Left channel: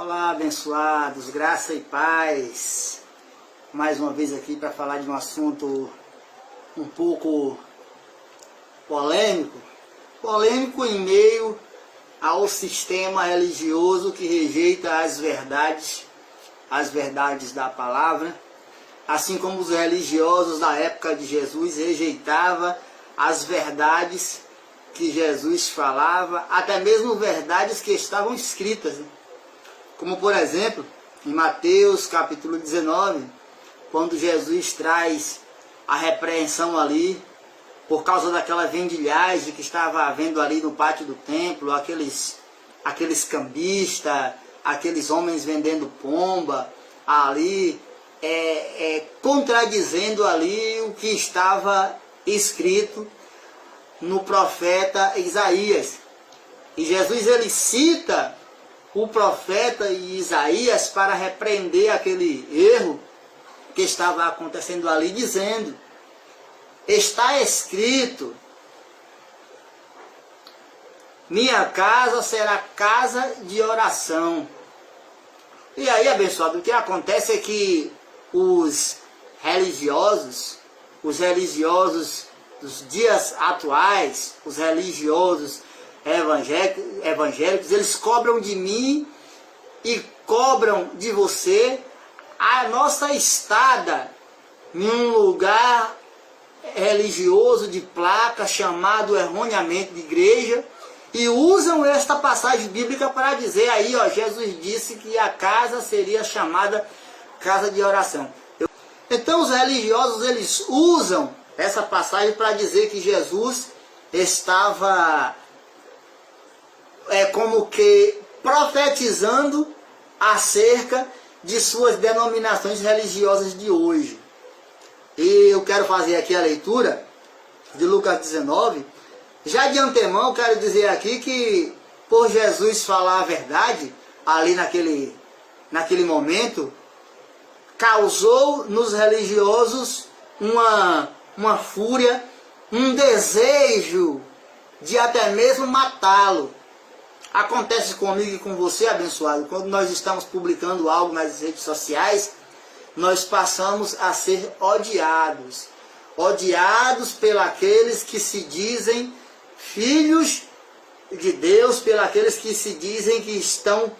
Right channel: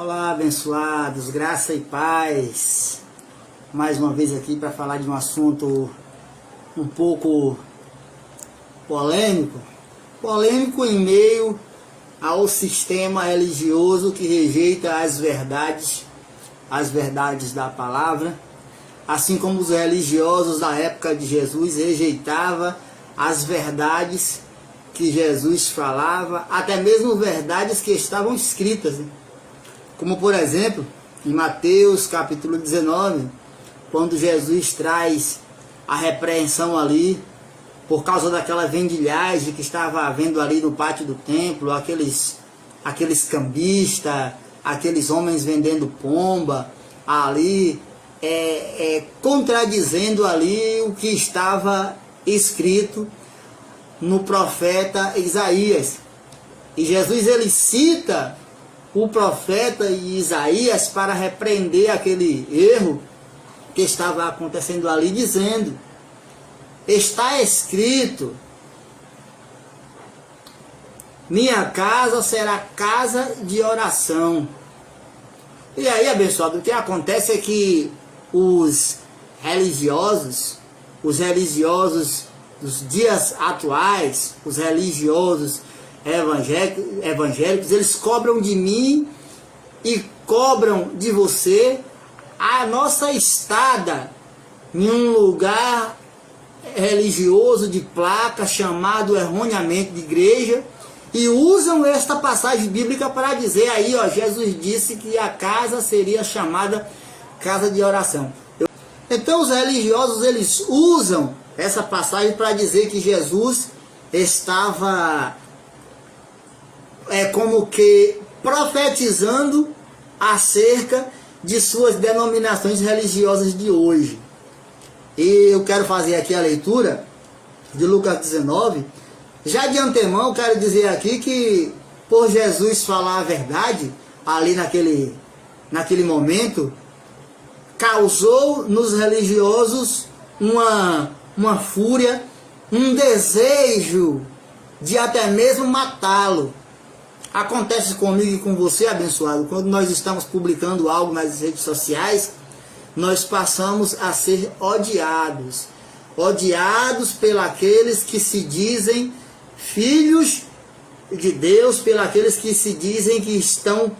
Olá, abençoados, graça e paz. Mais uma vez aqui para falar de um assunto um pouco polêmico. Polêmico em meio ao sistema religioso que rejeita as verdades da palavra, assim como os religiosos da época de Jesus rejeitavam as verdades que Jesus falava, até mesmo verdades que estavam escritas, como por exemplo, em Mateus capítulo 19, quando Jesus traz a repreensão ali, por causa daquela vendilhagem que estava havendo ali no pátio do templo, aqueles cambistas, aqueles homens vendendo pomba, ali, contradizendo ali o que estava escrito no profeta Isaías. E Jesus ele cita o profeta Isaías para repreender aquele erro que estava acontecendo ali, dizendo: está escrito, minha casa será casa de oração. E aí, abençoado, o que acontece é que os religiosos dos dias atuais, os religiosos evangélicos, eles cobram de mim e cobram de você a nossa estada em um lugar religioso de placa chamado erroneamente de igreja, e usam esta passagem bíblica para dizer aí, ó, Jesus disse que a casa seria chamada casa de oração. Então os religiosos eles usam essa passagem para dizer que Jesus estava como que profetizando acerca de suas denominações religiosas de hoje. E eu quero fazer aqui a leitura de Lucas 19. Já de antemão, quero dizer aqui que, por Jesus falar a verdade, ali naquele momento, causou nos religiosos uma fúria, um desejo de até mesmo matá-lo. Acontece comigo e com você, abençoado, quando nós estamos publicando algo nas redes sociais, nós passamos a ser odiados pelos que se dizem filhos de Deus, pelos que se dizem que estão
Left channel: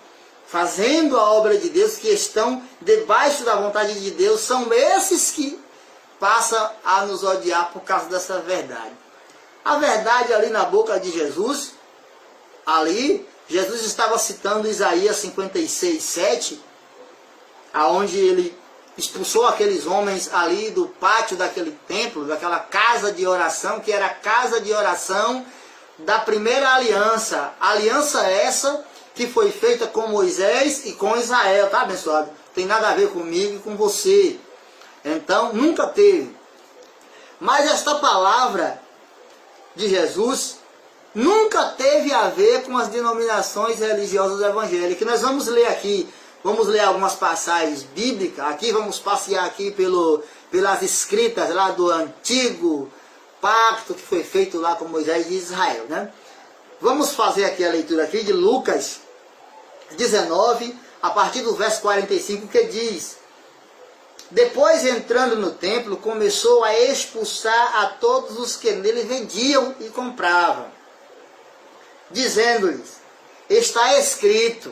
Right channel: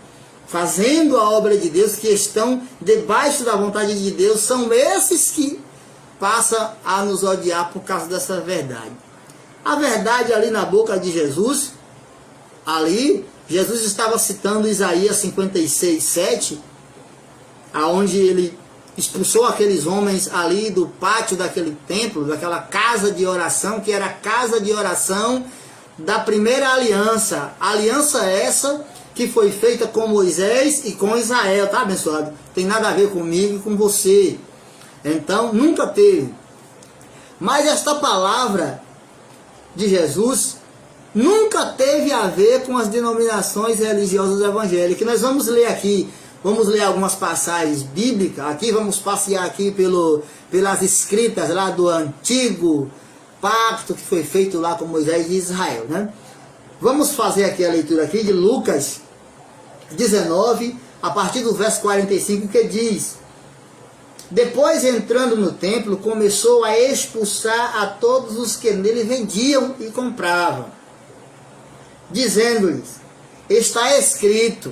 fazendo a obra de Deus, que estão debaixo da vontade de Deus. São esses que passam a nos odiar por causa dessa verdade. A verdade ali na boca de Jesus, ali, Jesus estava citando Isaías 56, 7, aonde ele expulsou aqueles homens ali do pátio daquele templo, daquela casa de oração, que era a casa de oração da primeira aliança. Aliança essa que foi feita com Moisés e com Israel, tá, abençoado? Tem nada a ver comigo e com você. Então, nunca teve. Mas esta palavra de Jesus nunca teve a ver com as denominações religiosas evangélicas. Nós vamos ler aqui, vamos ler algumas passagens bíblicas, aqui vamos passear aqui pelas escritas lá do antigo pacto que foi feito lá com Moisés e Israel, né? Vamos fazer aqui a leitura aqui de Lucas 19, a partir do verso 45, que diz: depois, entrando no templo, começou a expulsar a todos os que nele vendiam e compravam, dizendo-lhes: está escrito,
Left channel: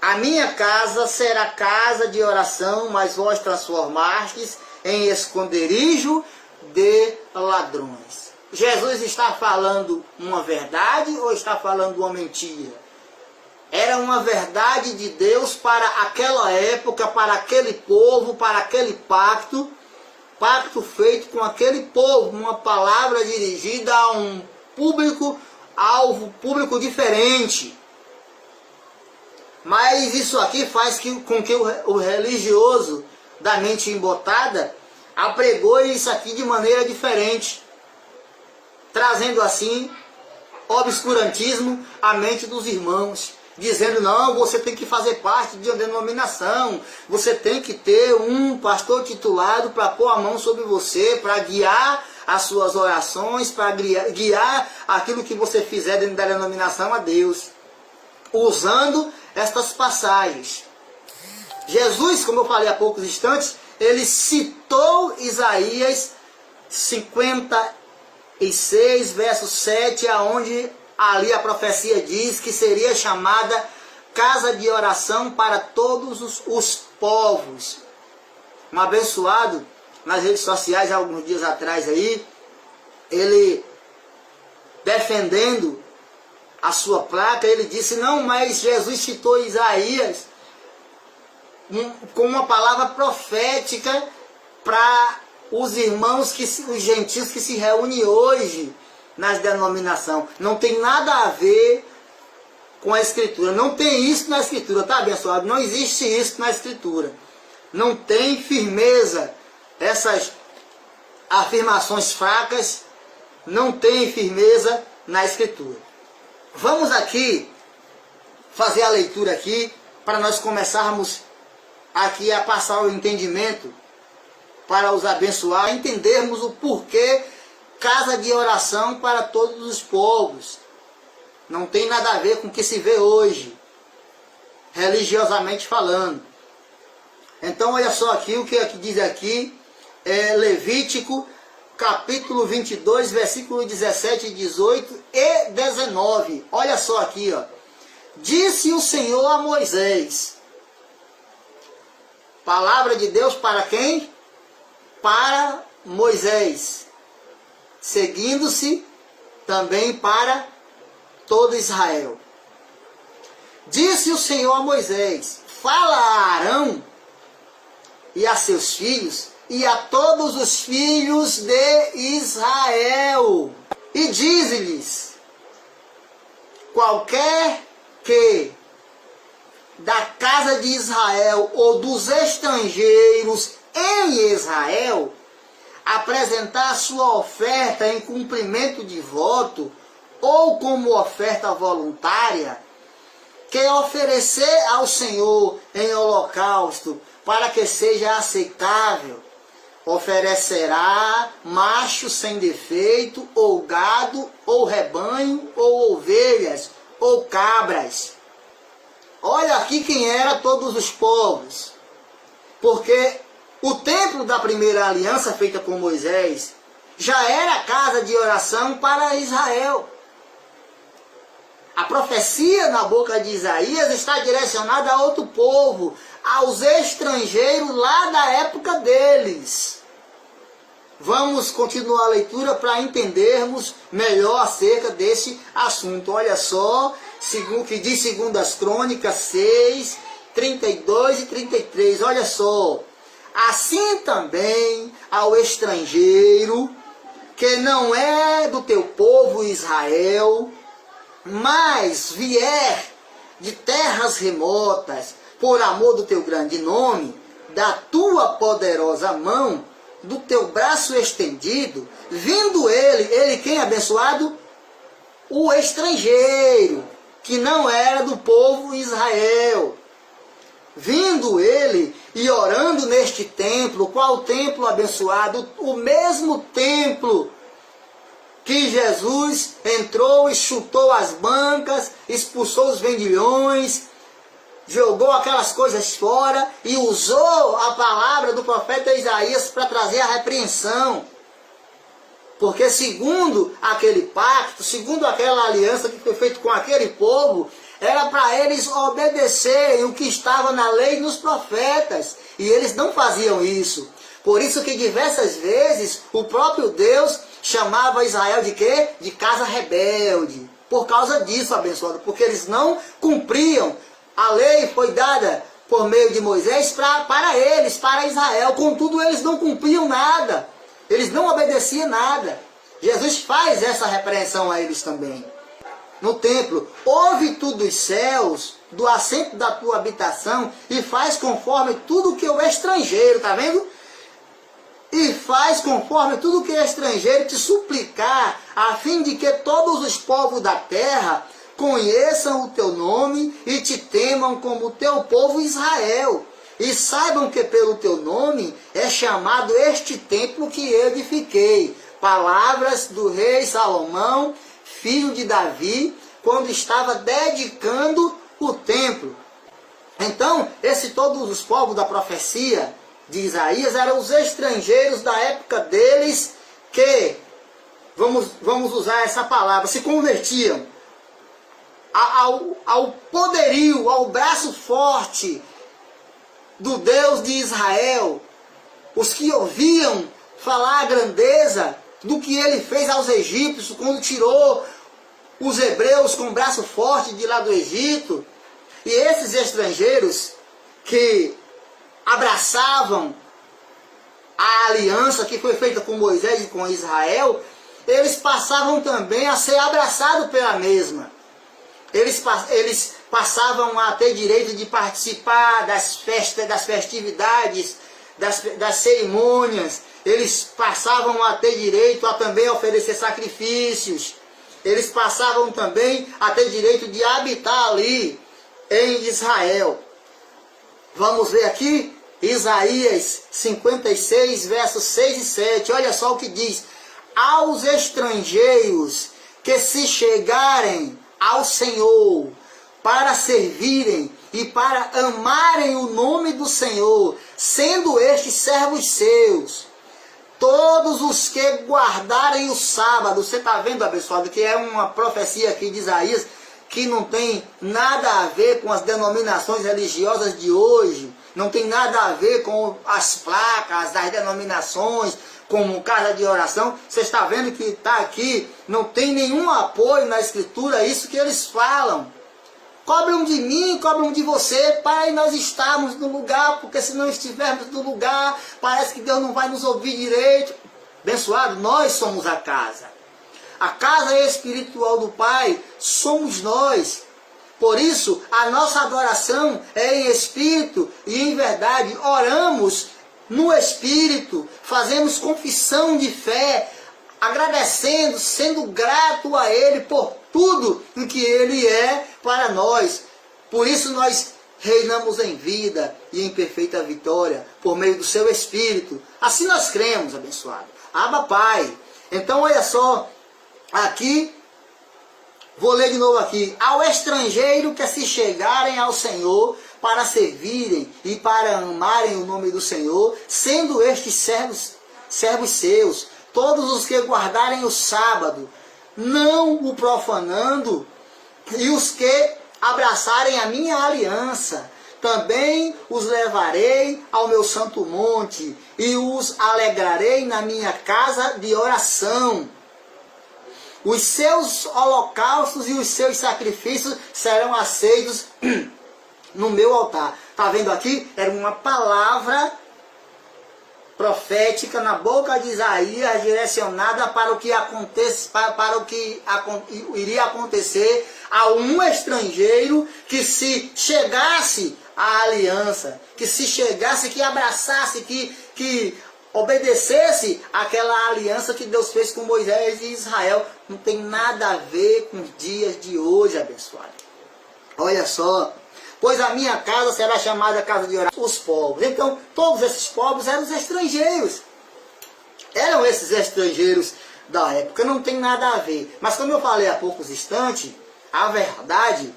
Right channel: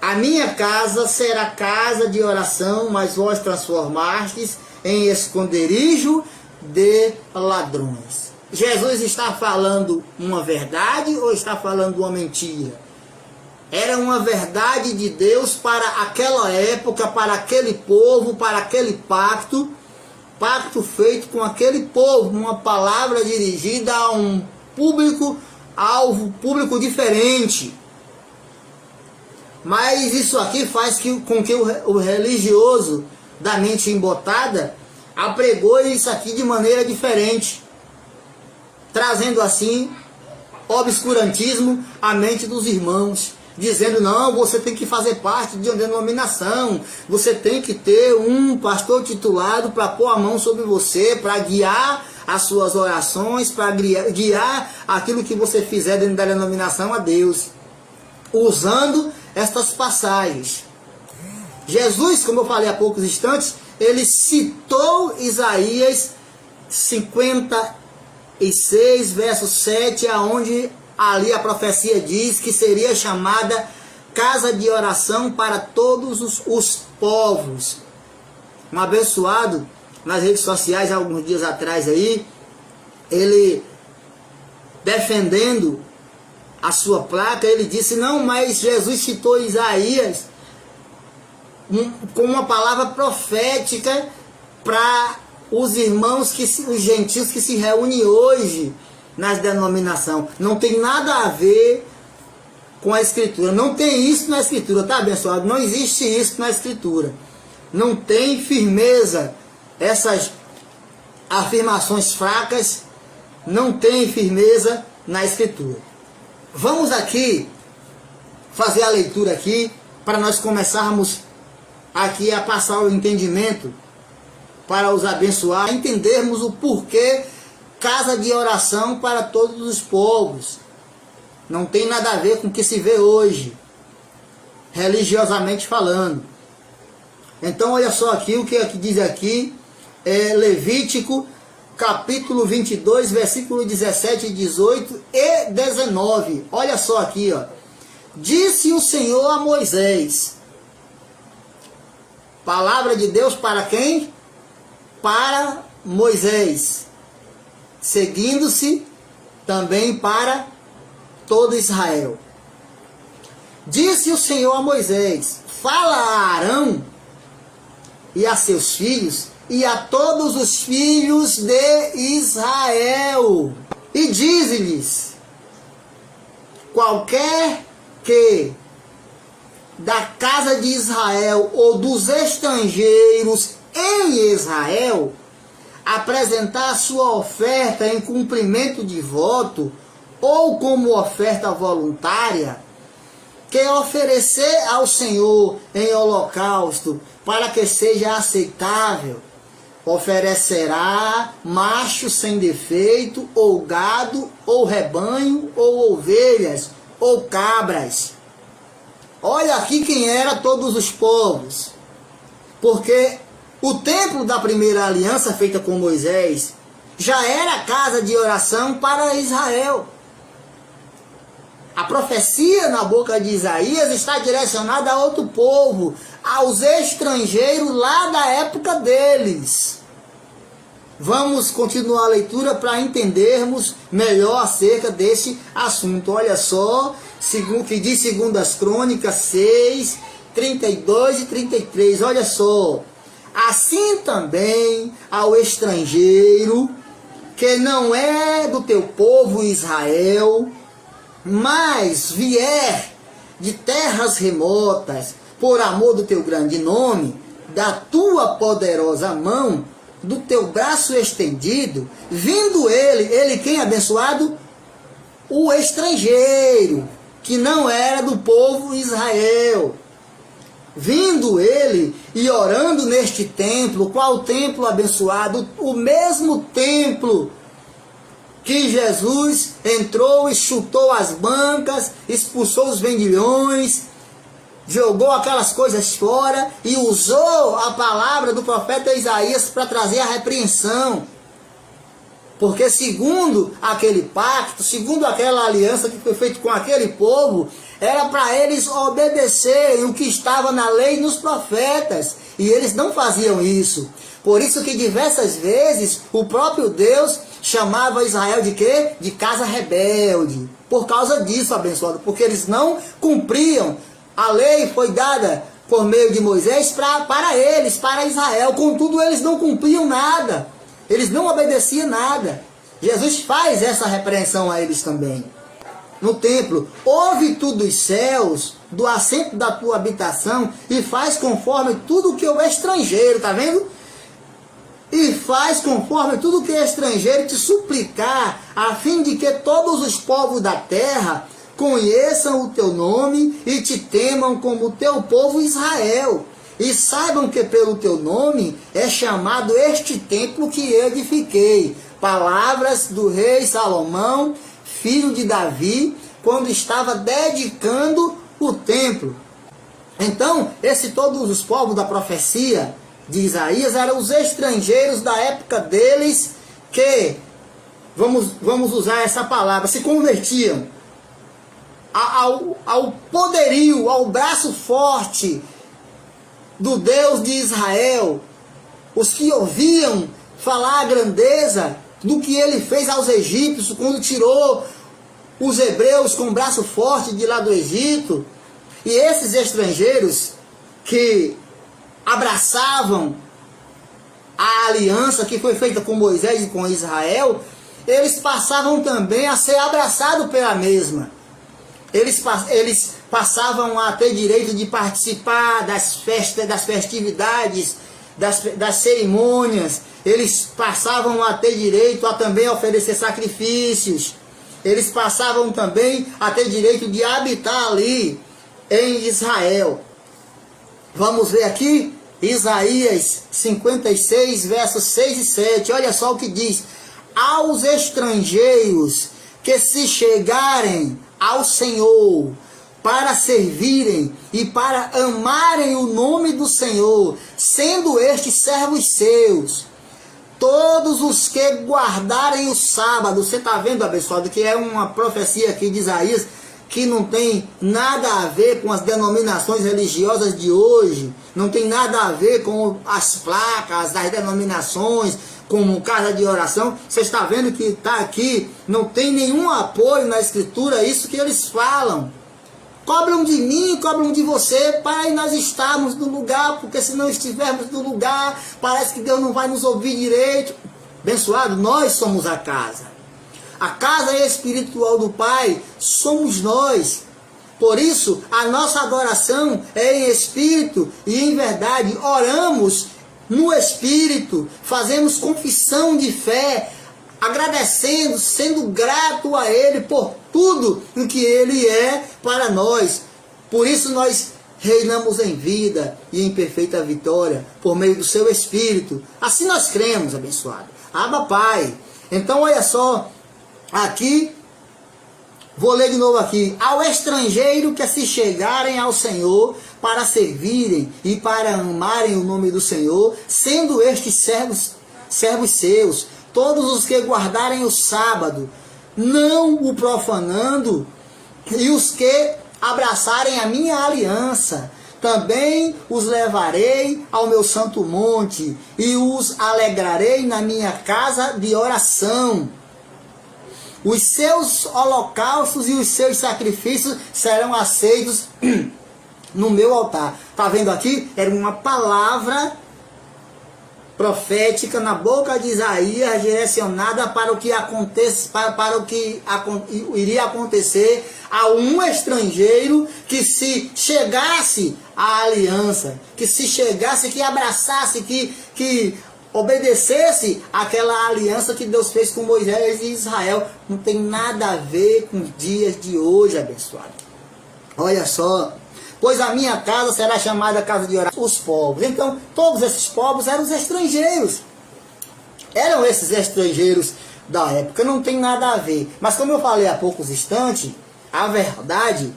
a minha casa será casa de oração, mas vós transformastes em esconderijo de ladrões. Jesus está falando uma verdade ou está falando uma mentira? Era uma verdade de Deus para aquela época, para aquele povo, para aquele pacto feito com aquele povo, uma palavra dirigida a um público-alvo, público diferente. Mas isso aqui faz com que o religioso da mente embotada apregou isso aqui de maneira diferente, trazendo assim obscurantismo à mente dos irmãos, dizendo: não, você tem que fazer parte de uma denominação, você tem que ter um pastor titulado para pôr a mão sobre você, para guiar as suas orações, para guiar aquilo que você fizer dentro da denominação a Deus. usando estas passagens. Jesus, como eu falei há poucos instantes, ele citou Isaías 56, verso 7, aonde ali a profecia diz que seria chamada casa de oração para todos os povos. Um abençoado nas redes sociais, alguns dias atrás aí, ele defendendo a sua placa, ele disse, não, mas Jesus citou Isaías com uma palavra profética para os irmãos, os gentios que se reúnem hoje nas denominações. Não tem nada a ver com a Escritura. Não tem isso na Escritura, tá, abençoado? Não existe isso na Escritura. Não tem firmeza. Essas afirmações fracas não tem firmeza na Escritura. Vamos aqui fazer a leitura aqui para nós começarmos aqui a passar o entendimento para os abençoar, entendermos o porquê casa de oração para todos os povos. Não tem nada a ver com o que se vê hoje, religiosamente falando. Então olha só aqui, o que diz aqui, Levítico, capítulo 22, versículo 17, 18 e 19. Olha só aqui, ó. Disse o Senhor a Moisés. Palavra de Deus para quem? Para Moisés. Seguindo-se também para todo Israel. Disse o Senhor a Moisés, fala a Arão e a seus filhos e a todos os filhos de Israel. E diz-lhes, qualquer que da casa de Israel ou dos estrangeiros em Israel apresentar sua oferta em cumprimento de voto ou como oferta voluntária, que oferecer ao Senhor em holocausto para que seja aceitável, oferecerá macho sem defeito, ou gado, ou rebanho, ou ovelhas, ou cabras. Olha aqui quem era todos os povos, porque o templo da primeira aliança feita com Moisés já era casa de oração para Israel. A profecia na boca de Isaías está direcionada a outro povo, aos estrangeiros lá da época deles. Vamos continuar a leitura para entendermos melhor acerca desse assunto. Olha só, segundo que diz 2 Crônicas 6, 32 e 33. Olha só. Assim também ao estrangeiro, que não é do teu povo Israel, mas vier de terras remotas, por amor do teu grande nome, da tua poderosa mão, do teu braço estendido, vindo ele quem abençoado? O estrangeiro, que não era do povo Israel. Vindo ele e orando neste templo, qual templo abençoado? O mesmo templo que Jesus entrou e chutou as bancas, expulsou os vendilhões, jogou aquelas coisas fora e usou a palavra do profeta Isaías para trazer a repreensão. Porque segundo aquele pacto, segundo aquela aliança que foi feita com aquele povo, era para eles obedecerem o que estava na lei e nos profetas. E eles não faziam isso. Por isso que diversas vezes o próprio Deus chamava Israel de quê? De casa rebelde. Por causa disso, abençoado. Porque eles não cumpriam. A lei foi dada por meio de Moisés para eles, para Israel. Contudo, eles não cumpriam nada. Eles não obedeciam nada. Jesus faz essa repreensão a eles também. No templo, ouve tu dos céus, do assento da tua habitação, e faz conforme tudo que o estrangeiro, tá vendo? E faz conforme tudo que o estrangeiro te suplicar, a fim de que todos os povos da terra conheçam o teu nome e te temam como o teu povo Israel. E saibam que pelo teu nome é chamado este templo que eu edifiquei. Palavras do rei Salomão, filho de Davi, quando estava dedicando o templo. Então, todos os povos da profecia de Isaías eram os estrangeiros da época deles que, vamos usar essa palavra, se convertiam ao poderio, ao braço forte do Deus de Israel, os que ouviam falar a grandeza do que ele fez aos egípcios, quando tirou os hebreus com o braço forte de lá do Egito. E esses estrangeiros que abraçavam a aliança que foi feita com Moisés e com Israel, eles passavam também a ser abraçados pela mesma. Eles passavam a ter direito de participar das festas, das festividades, das cerimônias. Eles passavam a ter direito a também oferecer sacrifícios. Eles passavam também a ter direito de habitar ali em Israel. Vamos ver aqui Isaías 56, versos 6 e 7. Olha só o que diz: aos estrangeiros que se chegarem ao Senhor para servirem e para amarem o nome do Senhor, sendo estes servos seus, todos os que guardarem o sábado. Você está vendo, abençoado, que é uma profecia aqui de Isaías que não tem nada a ver com as denominações religiosas de hoje, não tem nada a ver com as placas das denominações, como casa de oração. Você está vendo que está aqui, não tem nenhum apoio na Escritura, isso que eles falam. Cobram de mim, cobram de você, para nós estarmos no lugar, porque se não estivermos no lugar, parece que Deus não vai nos ouvir direito. Abençoado, nós somos a casa. A casa espiritual do Pai somos nós. Por isso, a nossa adoração é em espírito e em verdade. Oramos no espírito, fazemos confissão de fé, agradecendo, sendo grato a Ele por tudo o que Ele é para nós. Por isso nós reinamos em vida e em perfeita vitória, por meio do Seu Espírito. Assim nós cremos, abençoado. Abba, Pai. Então, olha só, aqui, vou ler de novo aqui. Ao estrangeiro que se chegarem ao Senhor para servirem e para amarem o nome do Senhor, sendo estes servos seus, todos os que guardarem o sábado, não o profanando, e os que abraçarem a minha aliança, também os levarei ao meu santo monte, e os alegrarei na minha casa de oração. Os seus holocaustos e os seus sacrifícios serão aceitos no meu altar. Está vendo aqui? Era uma palavra profética na boca de Isaías, direcionada para o que acontece, para o que iria acontecer a um estrangeiro que se chegasse à aliança, que se chegasse, que abraçasse, que obedecesse aquela aliança que Deus fez com Moisés e Israel. Não tem nada a ver com os dias de hoje, abençoado. Olha só. Pois a minha casa será chamada casa de oração. Os povos. Então, todos esses povos eram os estrangeiros. Eram esses estrangeiros da época. Não tem nada a ver. Mas como eu falei há poucos instantes, a verdade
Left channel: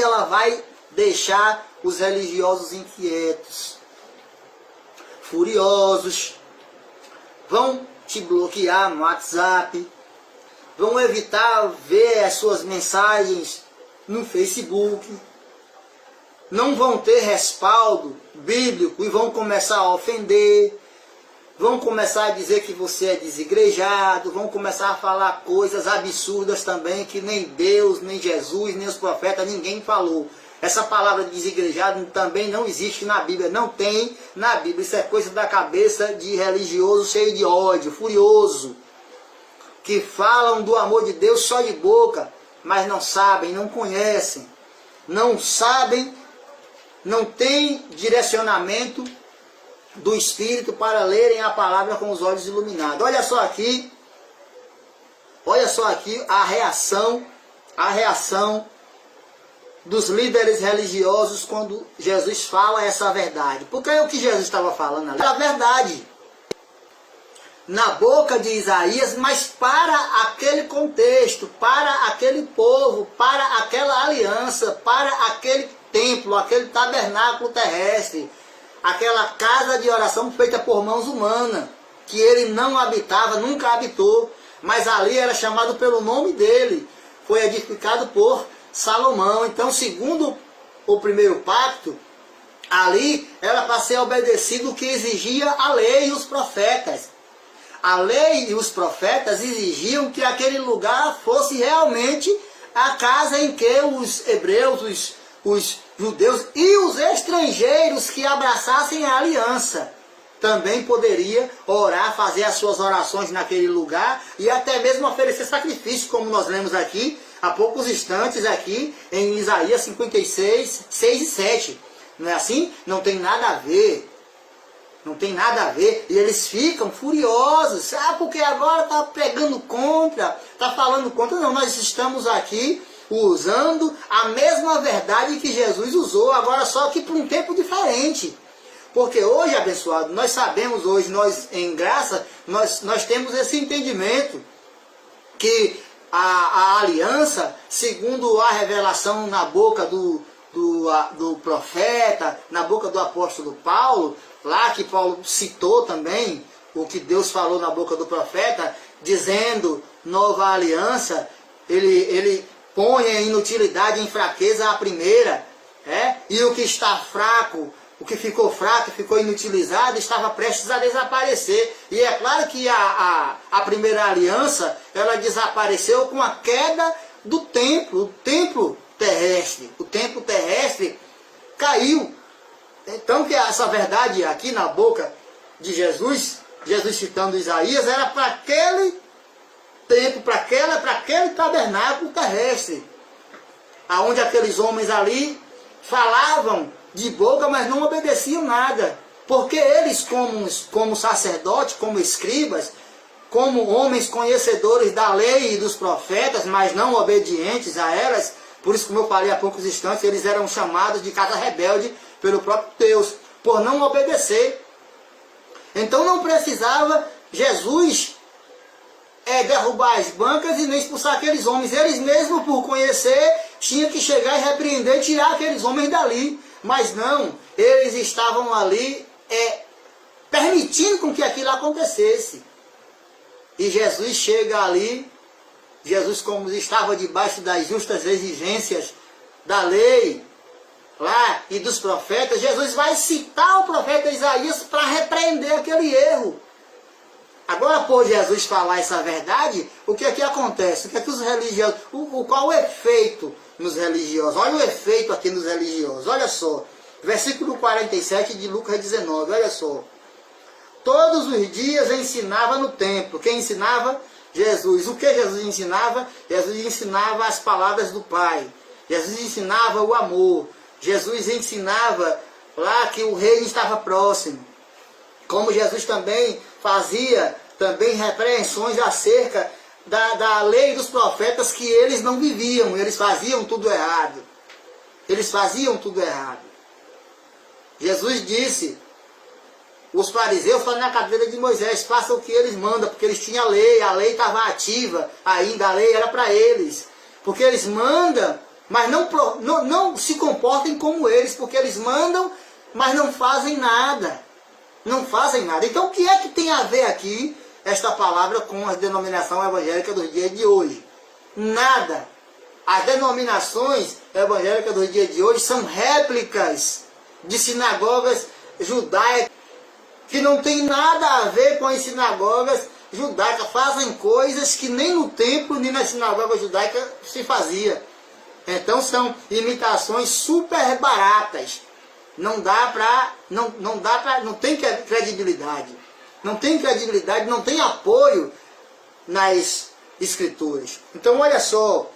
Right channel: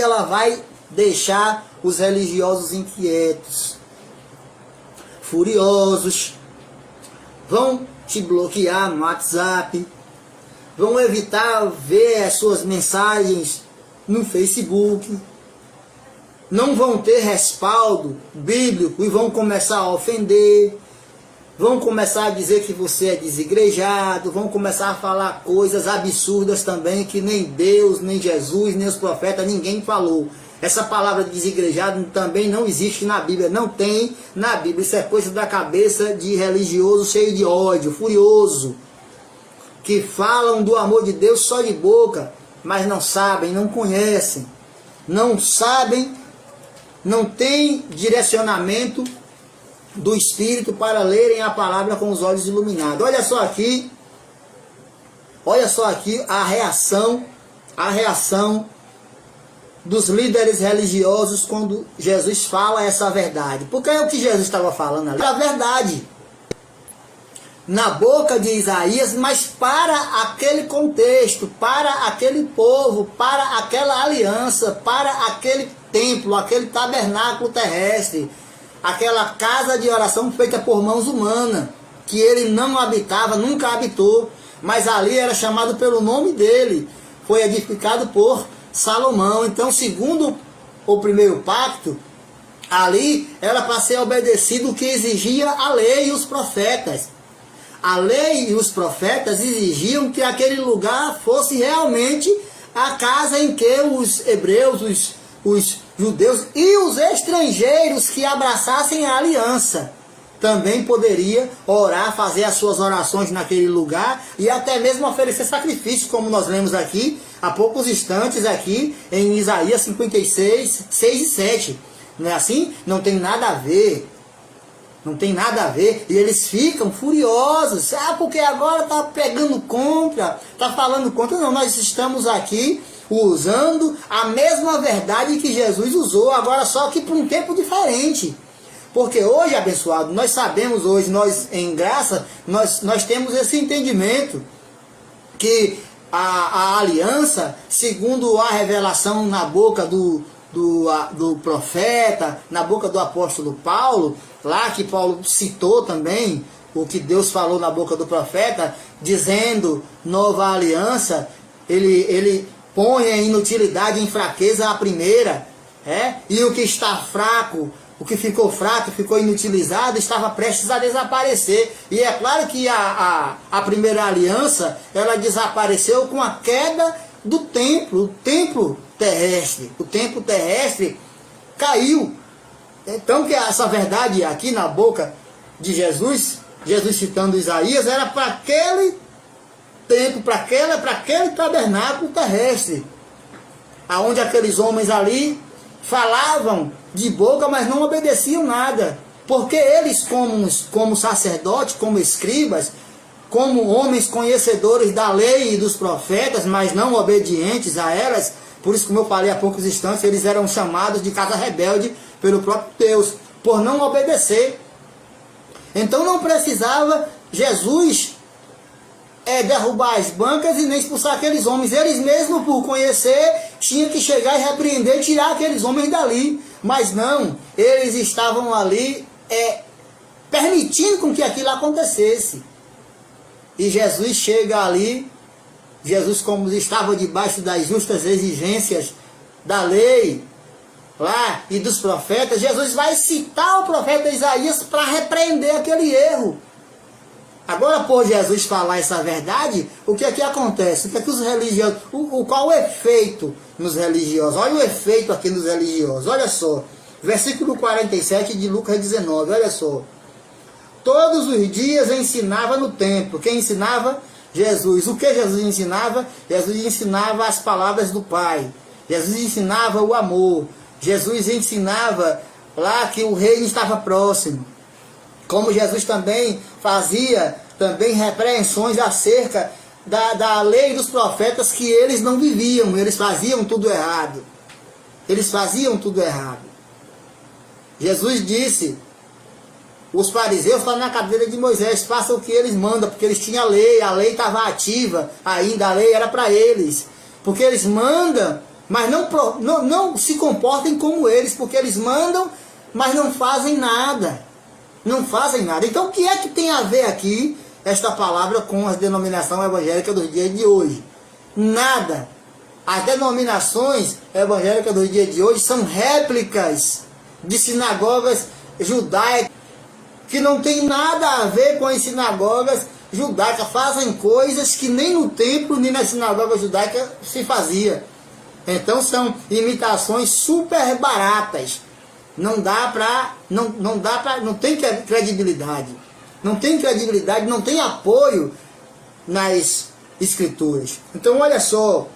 ela vai deixar os religiosos inquietos, furiosos. Vão te bloquear no WhatsApp. Vão evitar ver as suas mensagens no Facebook, não vão ter respaldo bíblico e vão começar a ofender, vão começar a dizer que você é desigrejado, vão começar a falar coisas absurdas também que nem Deus, nem Jesus, nem os profetas, ninguém falou. Essa palavra desigrejado também não existe na Bíblia, não tem na Bíblia. Isso é coisa da cabeça de religioso cheio de ódio, furioso, que falam do amor de Deus só de boca, mas não sabem, não conhecem, não sabem, não tem direcionamento do Espírito para lerem a palavra com os olhos iluminados. Olha só aqui a reação dos líderes religiosos quando Jesus fala essa verdade. Porque é o que Jesus estava falando ali, a verdade. na boca de Isaías, mas para aquele contexto, para aquele povo, para aquela aliança, para aquele templo, aquele tabernáculo terrestre, aquela casa de oração feita por mãos humanas, que ele não habitava, nunca habitou, mas ali era chamado pelo nome dele, foi edificado por Salomão. Então, segundo o primeiro pacto, ali era para ser obedecido o que exigia a lei e os profetas. A lei e os profetas exigiam que aquele lugar fosse realmente a casa em que os hebreus, os judeus e os estrangeiros que abraçassem a aliança também poderia orar, fazer as suas orações naquele lugar e até mesmo oferecer sacrifício, como nós lemos aqui há poucos instantes aqui em Isaías 56, 6 e 7. Não é assim? Não tem nada a ver. Não tem nada a ver. E eles ficam furiosos. Porque agora está pegando contra, está falando contra. Não, nós estamos aqui usando a mesma verdade que Jesus usou, agora só que por um tempo diferente. Porque hoje, abençoado, nós sabemos hoje, nós em graça, nós temos esse entendimento que a aliança, segundo a revelação na boca do profeta, na boca do apóstolo Paulo, lá que Paulo citou também o que Deus falou na boca do profeta, dizendo nova aliança, ele põe em inutilidade, em fraqueza a primeira, e o que está fraco, o que ficou fraco, ficou inutilizado, estava prestes a desaparecer. E é claro que a primeira aliança, ela desapareceu com a queda do templo, o templo terrestre. O templo terrestre caiu. Então, que essa verdade aqui na boca de Jesus, Jesus citando Isaías, era para aquele templo, para aquele tabernáculo terrestre, aonde aqueles homens ali falavam de boca, mas não obedeciam nada, porque eles como sacerdotes, como escribas, como homens conhecedores da lei e dos profetas, mas não obedientes a elas, por isso, como eu falei há poucos instantes, eles eram chamados de casa rebelde pelo próprio Deus, por não obedecer. Então não precisava Jesus derrubar as bancas e nem expulsar aqueles homens. Eles mesmos, por conhecer, tinham que chegar e repreender, tirar aqueles homens dali. Mas não, eles estavam ali permitindo com que aquilo acontecesse. E Jesus chega ali, Jesus, como estava debaixo das justas exigências da lei lá e dos profetas, Jesus vai citar o profeta Isaías para repreender aquele erro. Agora, por Jesus falar essa verdade, o que é que acontece? O que é que os religiosos... Qual o efeito nos religiosos? Olha o efeito aqui nos religiosos. Olha só. Versículo 47 de Lucas 19. Olha só. Todos os dias ensinava no templo. Quem ensinava? Jesus. O que Jesus ensinava? Jesus ensinava as palavras do Pai. Jesus ensinava o amor. Jesus ensinava lá que o reino estava próximo. Como Jesus também fazia repreensões acerca da lei dos profetas, que eles não viviam, eles faziam tudo errado. Eles faziam tudo errado. Jesus disse, os fariseus estão na cadeira de Moisés, façam o que eles mandam, porque eles tinham a lei estava ativa ainda, a lei era para eles. Porque eles mandam, mas não se comportem como eles, porque eles mandam, mas não fazem nada. Não fazem nada. Então, o que é que tem a ver aqui esta palavra com a denominação evangélica dos dias de hoje? Nada. As denominações evangélicas dos dias de hoje são réplicas de sinagogas judaicas que não tem nada a ver com as sinagogas judaicas. Fazem coisas que nem no templo, nem nas sinagogas judaicas se fazia. Então, são imitações super baratas. Não tem credibilidade. Não tem credibilidade, não tem apoio nas escrituras. Então, olha só.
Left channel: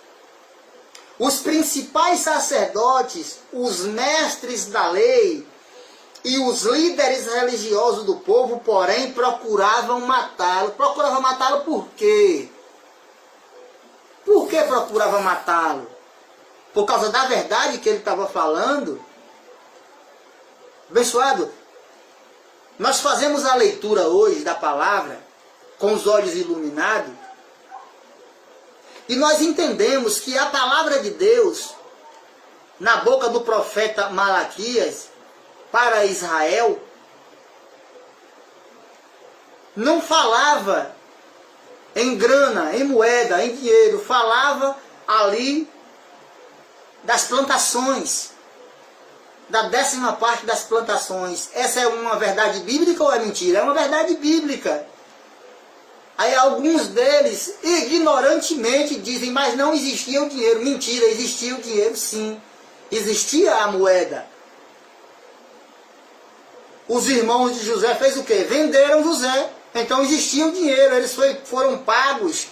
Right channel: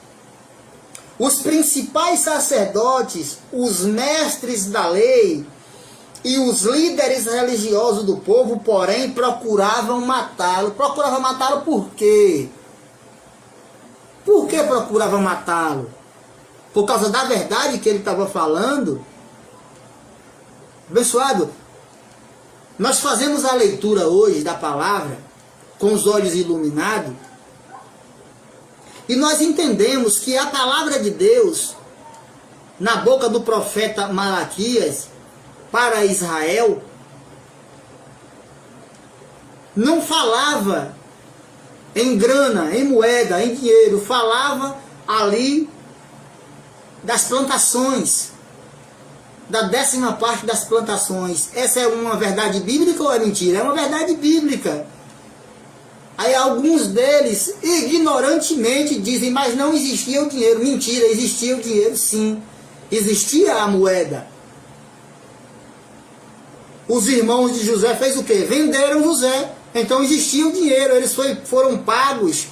Os principais sacerdotes, os mestres da lei e os líderes religiosos do povo, porém, procuravam matá-lo. Procuravam matá-lo por quê? Por que procuravam matá-lo? Por causa da verdade que ele estava falando? Abençoado, nós fazemos a leitura hoje da palavra com os olhos iluminados. E nós entendemos que a palavra de Deus, na boca do profeta Malaquias, para Israel, não falava em grana, em moeda, em dinheiro, falava ali das plantações, da 10ª parte das plantações. Essa é uma verdade bíblica ou é mentira? É uma verdade bíblica. Aí alguns deles, ignorantemente, dizem, mas não existia o dinheiro. Mentira, existia o dinheiro sim. Existia a moeda. Os irmãos de José fez o quê? Venderam José. Então existia o dinheiro, eles foram pagos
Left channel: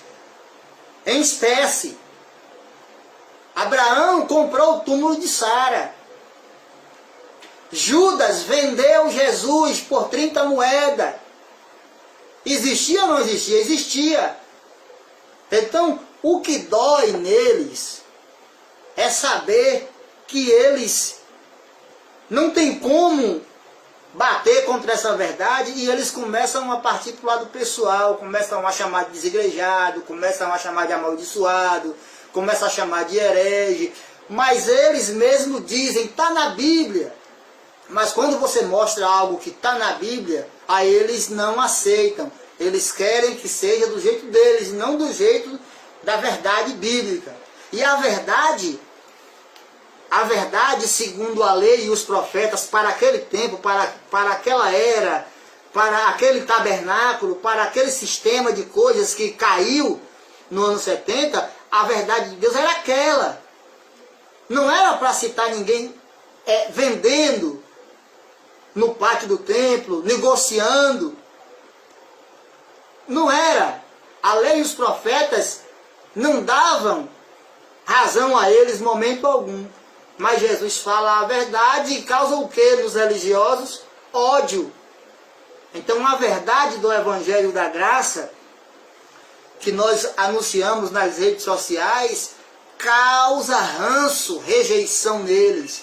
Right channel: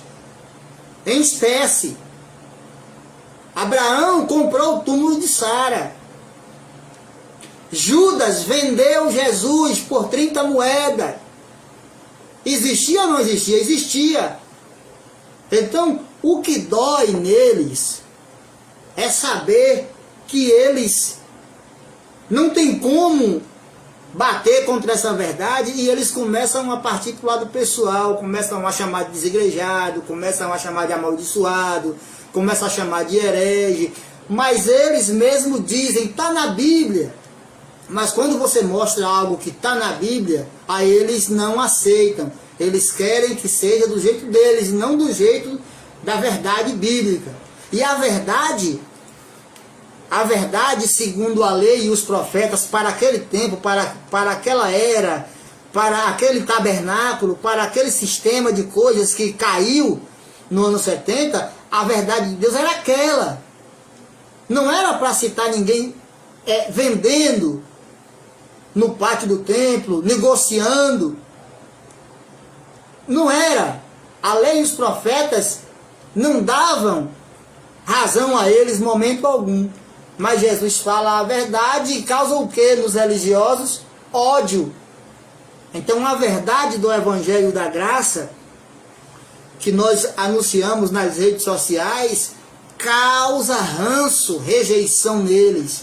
em espécie. Abraão comprou o túmulo de Sara. Judas vendeu Jesus por 30 moedas. Existia ou não existia? Existia. Então, o que dói neles é saber que eles não têm como bater contra essa verdade e eles começam a partir para o lado pessoal, começam a chamar de desigrejado, começam a chamar de amaldiçoado, começam a chamar de herege, mas eles mesmos dizem, está na Bíblia. Mas quando você mostra algo que está na Bíblia, aí eles não aceitam. Eles querem que seja do jeito deles, não do jeito da verdade bíblica. E a verdade segundo a lei e os profetas, para aquele tempo, para aquela era, para aquele tabernáculo, para aquele sistema de coisas que caiu no ano 70, a verdade de Deus era aquela. Não era para citar ninguém vendendo no pátio do templo, negociando. Não era. A lei e os profetas não davam razão a eles em momento algum. Mas Jesus fala a verdade e causa o que nos religiosos? Ódio. Então a verdade do Evangelho da Graça, que nós anunciamos nas redes sociais, causa ranço, rejeição neles.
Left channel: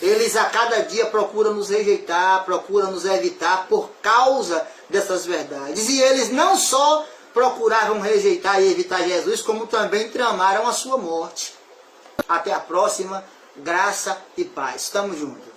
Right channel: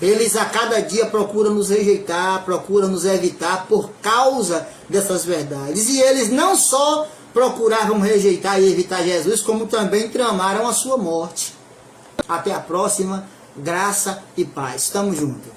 Eles a cada dia procuram nos rejeitar, procuram nos evitar por causa dessas verdades. E eles não só procuravam rejeitar e evitar Jesus, como também tramaram a sua morte. Até a próxima. Graça e paz. Estamos juntos.